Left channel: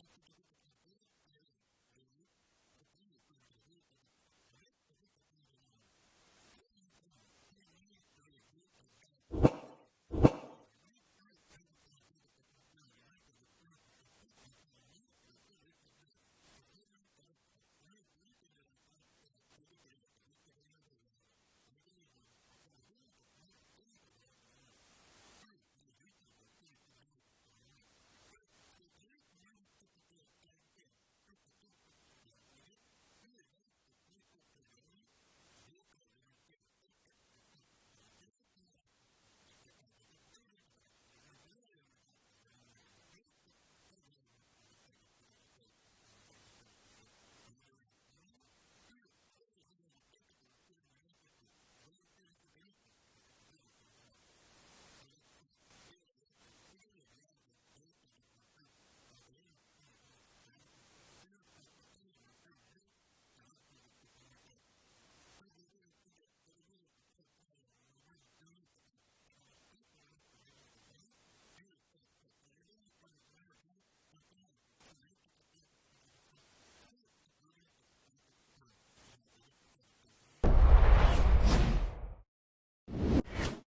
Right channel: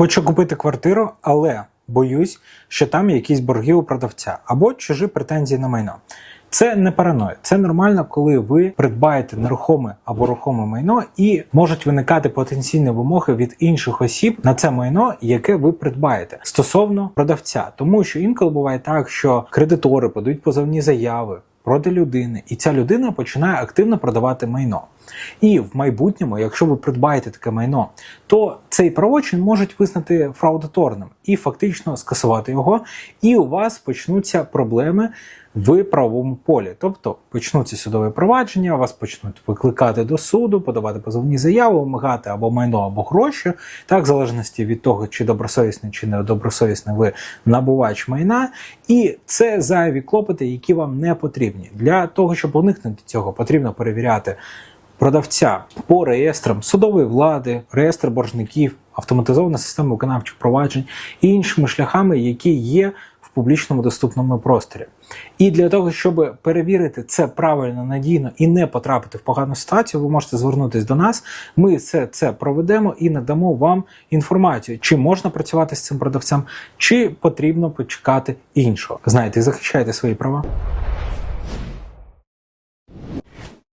Хочу купити квартиру, але боюсь, що там якісь борги у продавця або чужі претензії на майно. Це не параноя, це нормально, коли ви придбаєте нерухоме або рухоме майно, і можуть виникати потенційні вимоги від інших осіб на це майно, яке ви придбаєте стосовно продавця, тому що інколи буває так, що кредитори подають позовні заяви проти людини, і ця людина починає активно продавати майно. І в майбутньому, якщо ви придбаєте таке майно, то цей правочин можуть визнати фраудаторним і фактично скасувати його, і у вас почнуться проблеми в правовому полі. Тобто почнуться судові провадження, вас почнуть викликати до суду, подавати позовні заяви, вимагати або майно, або гроші, так, в залежності від того, чи добросовісний, чи недобросовісний ви набувач майна. І це зайві клопоти, які вам не потрібні. Для того, щоб уникнути цього, потрібно перевіряти продавця по реєстрам судової влади, реєстр боржників, автоматизована система виконавчих проваджень і іншими шляхами, які є в публічному доступному просторі. І для того, щоб перевірити це правильно, надійно і не потрапити в погану ситуацію, ви можете звернутися до нас. Ми все це проведемо і надамо вам інформацію, чи можна працювати з цим продавцем, чи потрібно почекати іншого. Знаєте, захищайте свої права.